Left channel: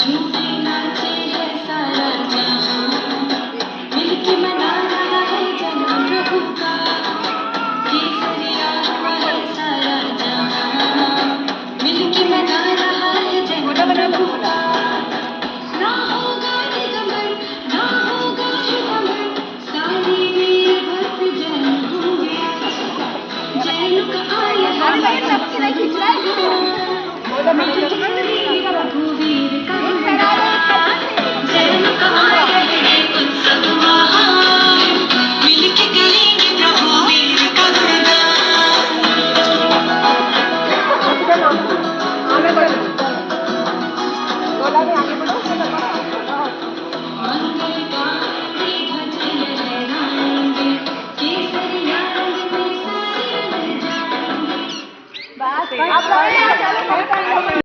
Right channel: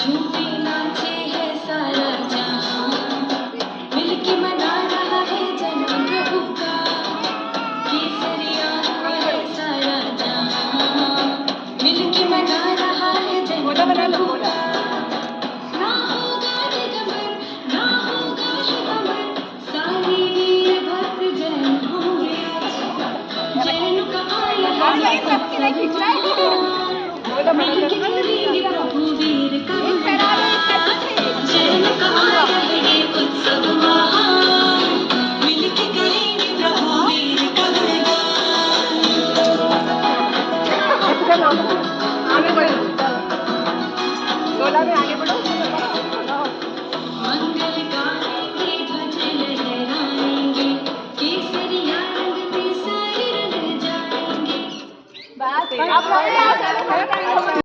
झूठे नाचे है सारा जहां, मिलके मना रहा है जन्म प्रभु का। केसरिया हुआ है सारा जहां, मिलके मना रहा है जन्म प्रभु का। ना होगा निगमन, ना होगा शुभमन, सारे वीर भक्त जैन होंगे। जैन का आया है उत्सव जहां, मिलके करेंगे प्रभु वीर का गुणगान। जैन का आया है उत्सव महान, मिलके करेंगे प्रभु वीर का गुणगान। आगे बढ़ो, गोला में आगे बढ़ो। मंगल गाएंगे, ध्वज लहराएंगे, केसरिया रंग में सारे रंग जाएंगे। बस आप